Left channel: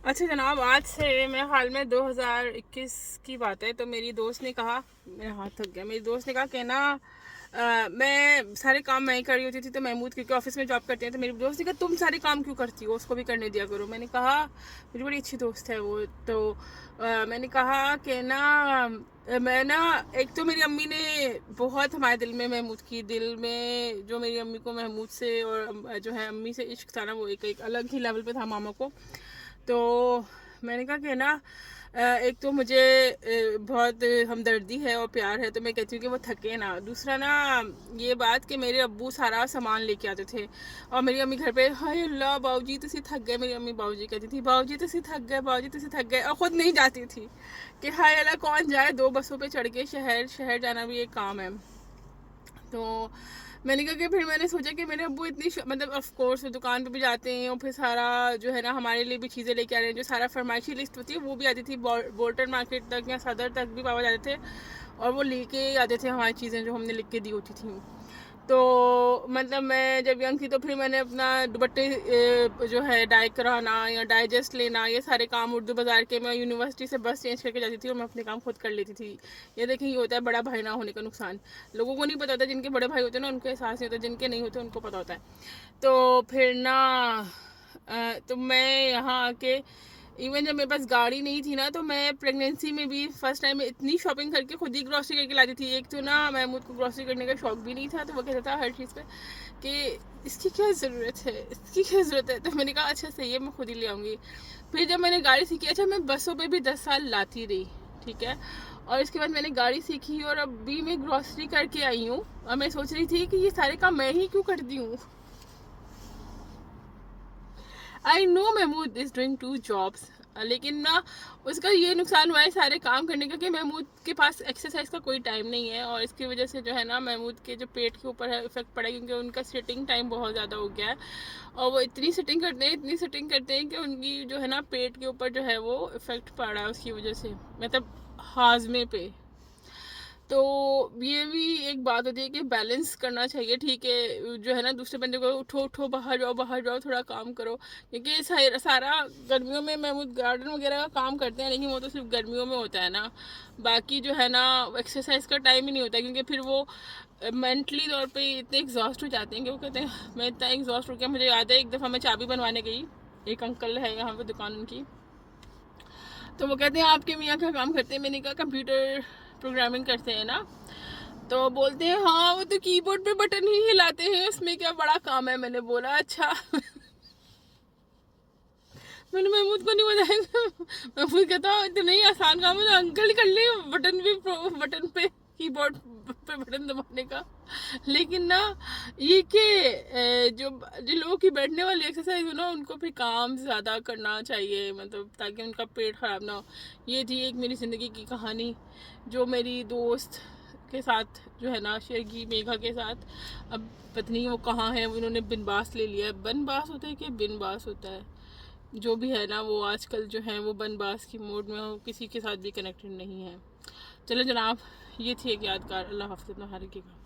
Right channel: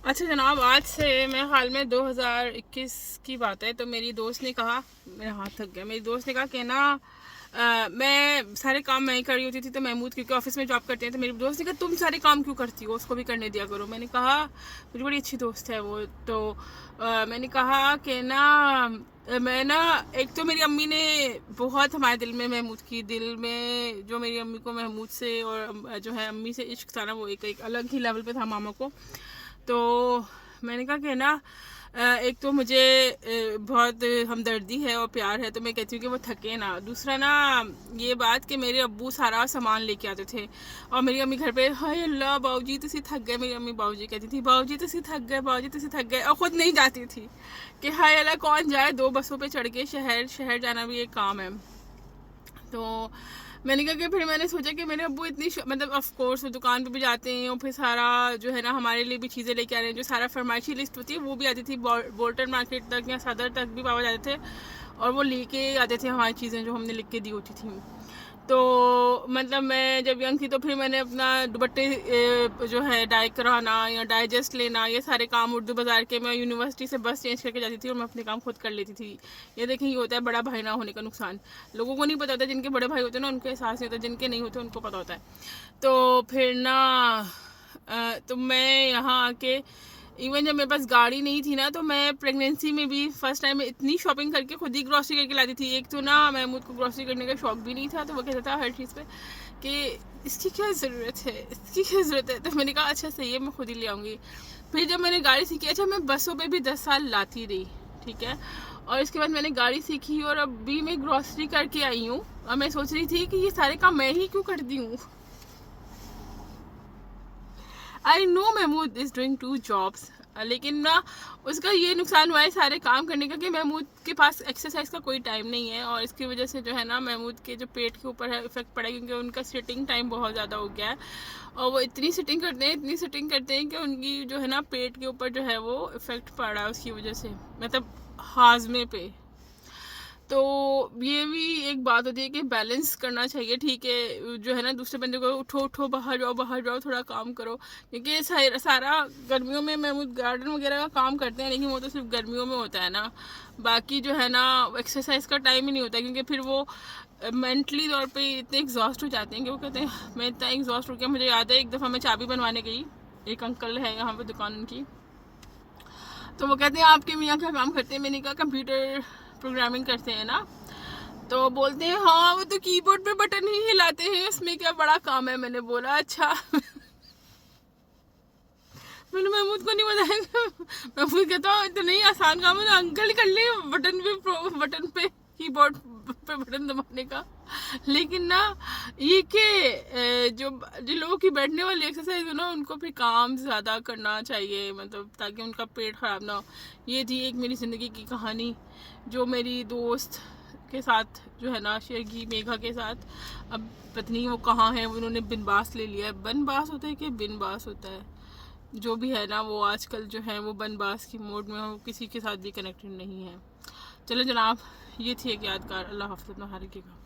अच्छा जनाब, आज से मेरे ख्याल में 2021 की बात है। तो मेरी दोस्त ने कहा, मेरा हाथ थक गया, मेरी दोस्त ने कहा कि ना मैं सारे काम मैं ही कर रही होती थी। तो महमूद क्योंकि ऑफिस में जॉब करते हैं, तो मेरी दोस्त ने कहा तुम सारे काम क्यों करती हो, उसको भी करने दिया करो। मैंने कहा, मेरी बड़ी अच्छी दोस्त है वो। तो मैंने कहा कि ना मैं ना, एक तो मेरी अम्मी ने बहुत हमारे दिल में, महमूद की दिल में, जो मेरी अम्मी को महमूद से और जो है अम्मी से इश्क था ना, वो एक अलग ही लेवल पे था मामा को। तो मैंने कहा कि ना एक तो मुझे बहुत हमदर्दी है और प्यार है, तो मैं कहती हूँ कि वो थके ना। दूसरा ना, ये बात कि मेरे अब्बू सारा सामान लेके आते थे और मेरी अम्मी घर पे, हाय अल्लाह बाऊजी तुसी थक गए, मेरी अम्मी बाऊजी कहती थी बाऊजी तुसी थक गए, बाऊजी तुसी थक गए, और ख़ुद नहीं जाती थी कि हाय अल्लाह कौन जाए, 2 बसों पे चढ़ के शहर शहर जाना भी एक काम है। तो मैंने कहा कि फिर मैंने सोचा कि मेरे अब्बू इतनी मतलब ऑफ कोर्स वो दुकान पे भी जाते हैं और फिर सारा जो है ना हमारे लिए भी चीज़ें लेके आ रहे हैं, जो सारा फरमाइशी लिस्ट होती है वो भी आती थी बोल्टन मार्केट तक या सदर तक भी पापा जाते थे और वो लेके आते थे हमारी चीज़ें जो हमने लिख के दी होती थी। तो मतलब मैं जब यंग थी तो फिर मैंने अपना दुपट्टे जो है डाई कराना या डाइजेस्ट लेना, ये सारे काम उर्दू बाज़ार के, मैं यूनिवर्सिटी से बस चेंज करके जाती थी और मैं अपने काम खुद कर लेती थी। ये देखें, ये होता है बड़ा भाई ना होने का नुकसान। लोगों को नहीं पता होता, जिनके बड़े भाई होते हैं ना उनको एहसास नहीं होता, जिनके नहीं होते उनको पता होता है। तो फिर ना तो मैं यहाँ आके, इवन जब मेरे पास गाड़ी नहीं थी ना, तो मैं प्रेगनेंसी में भी फर्स्ट टाइम इतनी शॉपिंग करके खुद ही ग्रॉसरी करके लाती थी। एक तो ना महमूद को ग्रॉसरी करने का शौक भी नहीं था, तो वो कहता था हर चीज़ पे कि इसकी क्या ज़रूरत है, इसकी क्या ज़रूरत है। तो मैंने कहा अच्छा सही है, मैं खुद ही ले आऊँगी। फिर जब मैंने गाड़ी सीखी, अच्छा मैं बसों पे भी 10 साल लाती रही, ठीक है, और इसके बाद मैंने गाड़ी सीखी और अभी मैं ग्रॉसरी करके आई हूँ। और मैं सोच रही थी कि ये सारे काम मैं ही क्यों करती हूँ। I know Mahmood is doing 2 jobs, लेकिन ना उसका ये नुकसान हुआ है सारे काम करने का कि महमूद के पास एक्सरसाइज का कोई टाइम नहीं है, और इसकी वजह से जो है ना महमूद के जो पेट के ऊपर है इफेक्ट पड़ा है, क्योंकि उनका सिटिंग टाइम बहुत ज़्यादा हो गया है। और वो इतनी सिटिंग करते हैं, इतनी सिटिंग करते हैं कि उनकी जो है ना पेट के ऊपर जो है वो इफेक्ट पड़ा है उसकी वजह से, मतलब हाजमे पे। तो ये भी एक बात होती है कि बैलेंस करना चाहिए, ठीक है, जो है ना दूसरे बंदे को उठो उठो बाहर जाओ थोड़ा काम करो, क्योंकि सारा गर्मियों में महमूद गार्डन वगैरह का काम करते हैं, लेकिन वो तो सिर्फ गर्मियों में होता है ना। बाकी जो है ना एक्सरसाइज का टाइम ही नहीं होता, क्योंकि फिर वो मेंटली तौर पे इतने एग्जॉस्ट हो जाते हैं कि वो कहते हैं मैं इतना एग्जॉस्ट हो गया। मुझे याद है एक दफ़ा मैं चाबी बनवाने गई, एक अंकल है यहाँ पे दुकान उनकी, तो वो कहते हैं आपके मियाँ क्या काम करते हैं। मैंने कहा कंप्यूटर प्रोग्रामिंग करते हैं ना। तो बोलते हैं हाँ वो तो कीबोर्ड पे बटन ही हिलाते हैं, इसमें क्या बड़ा काम है। मैंने बोला अच्छा। मैंने महमूद को नहीं बताया। महमूद कहता हूँ तो नहीं आसान काम है, तो अंकल ही कर ले, बटन पे कीबोर्ड पे बटन दबाने का। लेकिन ना ये कि जो जो लोगों की बैठने वाली एक्सरसाइज है ना, उनको फिर काम ज़्यादा करना चाहिए, मतलब ताकि उनका पेट ख़राब ना हो। ये थी एक मेरी ज़िंदगी की कहानी जो मेरी दोस्त के साथ जो है ना शेयर की, मेघा के साथ। अब पत्नी वो कहाँ है, उन्होंने बिनबास ले लिया है। बनबास होता है कि बिनबास होता है, जो भी है ना, वो आजकल जो है वो बनबास की मोड में हो, किसी के साथ भी कनेक्टेड नहीं है। चलो जनाब, ये थी एक यादगार। अल्लाह हाफ़िज़, अपना ख्याल रखिएगा।